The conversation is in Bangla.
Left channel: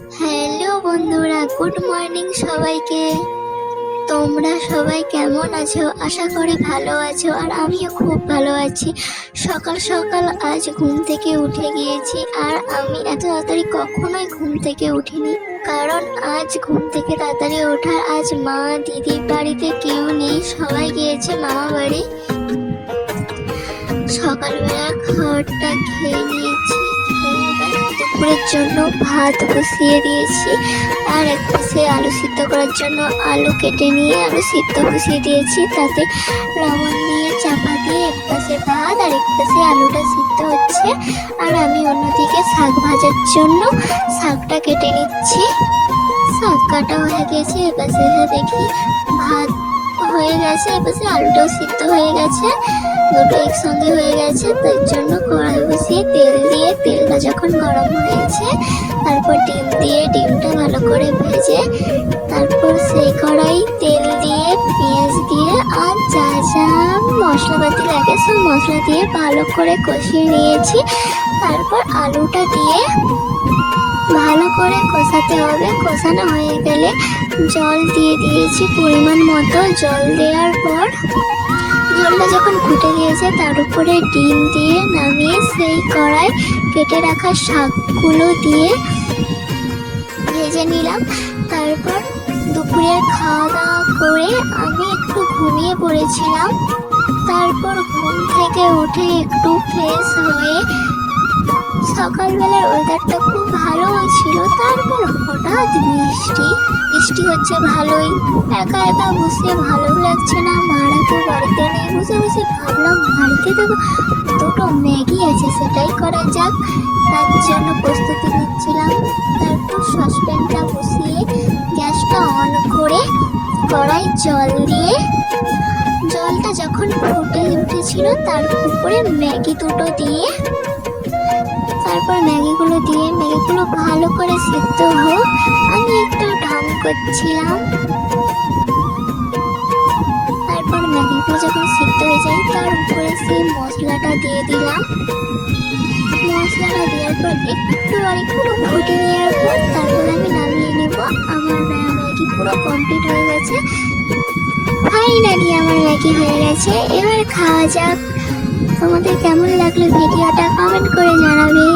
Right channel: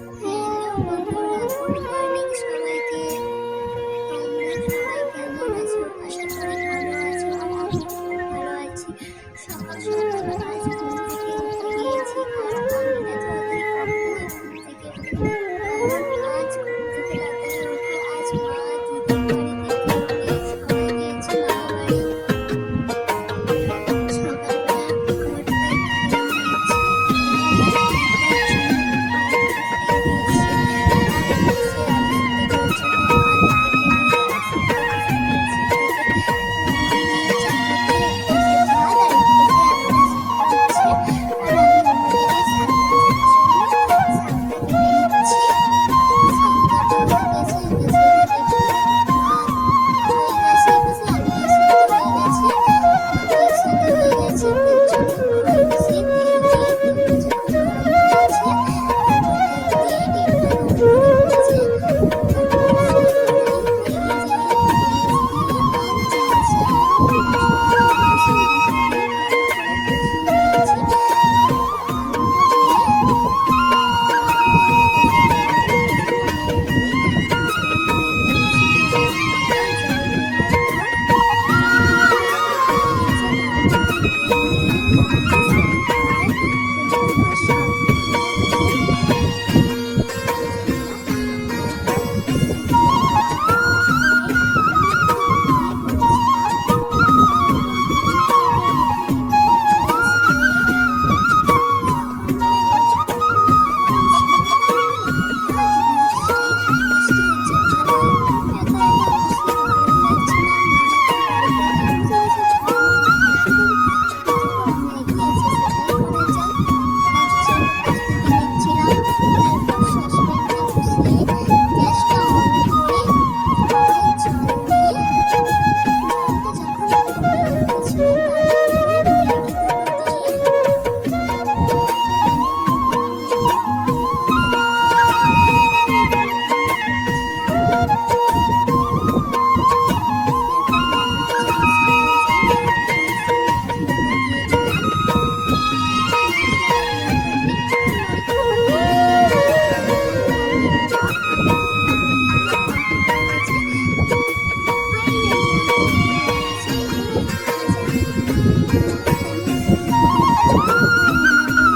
হ্যালো বন্ধুরা, গুড মর্নিং সবাইকে। তোমরা সবাই কেমন আছো? আশা করি ভালো আছো, আর আমিও খুব ভালো আছি। সকাল সকাল আজ ঘুম থেকে উঠে গিয়েছি, আর আমি এত তাড়াতাড়ি কখনোই ঘুম থেকে উঠিনি। কারণ আজ ঘুম থেকে তাড়াতাড়ি ওঠার আজ মা দিদি বাড়িতে কেউ নেই, সবাই গিয়েছে মামা বাড়ি। সকালবেলা খাবারটা খেয়ে নিয়েছি, দুপুরের জন্য ভাত বসিয়ে দিয়েছি, আর এক পাশে আলু সিদ্ধ করার জন্য আলু কেটে নিয়ে আলু সিদ্ধ বসিয়ে দিয়েছি। তাতে লবণ দিয়ে চাপা দিয়ে এক পাশে ভাত আর এক পাশে আলুটা সিদ্ধ হচ্ছে। আর আমি অন্যদিকে শাক ভাজার জন্য শাকটা কেটে নিচ্ছি। শাক কাটা হয়ে গেছে, এপাশে দেখি ভাত হয়ে গেছে, এপাশে আলুটাও সিদ্ধ হয়ে গেছে, দুটো একসঙ্গে হয়ে গেছে। তার জন্য কড়াই বসিয়ে তেল দিয়ে, তেলটা যখন গরম হয়েছে তারপর ডিম দিয়ে ডিমটা ভালো করে ভেজে, তারপর সেই কড়াই তেল দিয়ে পেঁয়াজ দিয়ে আর যা যা মশলাপাতি লাগে সব মশলা দিয়ে ভালো করে কষিয়ে নিয়েছি। তারপর আলুটা দিয়ে ভালো করে কষাতে হবে। কষানো হয়ে গেলে জল দিয়ে দিয়েছি পরিমাণ মতো। জল দেওয়ার পর জলটা যখন ফুটে গিয়েছে তার উপরে ডিম দিয়ে নামিয়ে সেই কড়াই কেটে রাখা শাকগুলো দিয়ে ভেজে নিলাম। তারপর দুপুরে খাওয়া দাওয়া করে আমি একটু ঘুমিয়ে পড়েছিলাম। তারপর ঘুম থেকে উঠে একটু ফ্রেশ হয়ে, সকালবেলার ওয়েদারটা খুব ভালো ছিল, তারপর হঠাৎ বৃষ্টি বৃষ্টি হচ্ছে ভালোই। একা একা বসে ভালো লাগছে না, মারা তো বাড়িতে নেই। বসে বসে ভাবলাম বাড়িতে দেখো দুটো ম্যাগি আছে, সেটাই করা যাক। তার জন্য প্রস্তুতি নিচ্ছিলাম। তারপর সসপ্যানটা বসিয়ে গ্যাসটা অন করে কড়াই জল দিয়ে, জলটা যখন ফুটে উঠেছিল তার উপরে ম্যাগি দুটো দিয়ে, তারপর ম্যাগিগুলো দিয়ে ম্যাগিগুলো ভালো করে সিদ্ধ হোক আমি একটু ঢং করছিলাম। তারপর ম্যাগিগুলো যখন সিদ্ধ হয়ে যায় তার উপরে সেই মশলাটা দিয়ে দিলাম। মশলাটা দেওয়ার পর একটু ফুটে নেওয়ার পর তারপর আমি নামিয়ে নেব। আমার ম্যাগি পুরো কমপ্লিট হয়ে গেছে। ফাইনালি আমার ম্যাগি হয়ে গেছে, এবার খাওয়া যাক। তোমাদের কেমন লাগলো ভিডিওটা কমেন্ট করে জানাবে।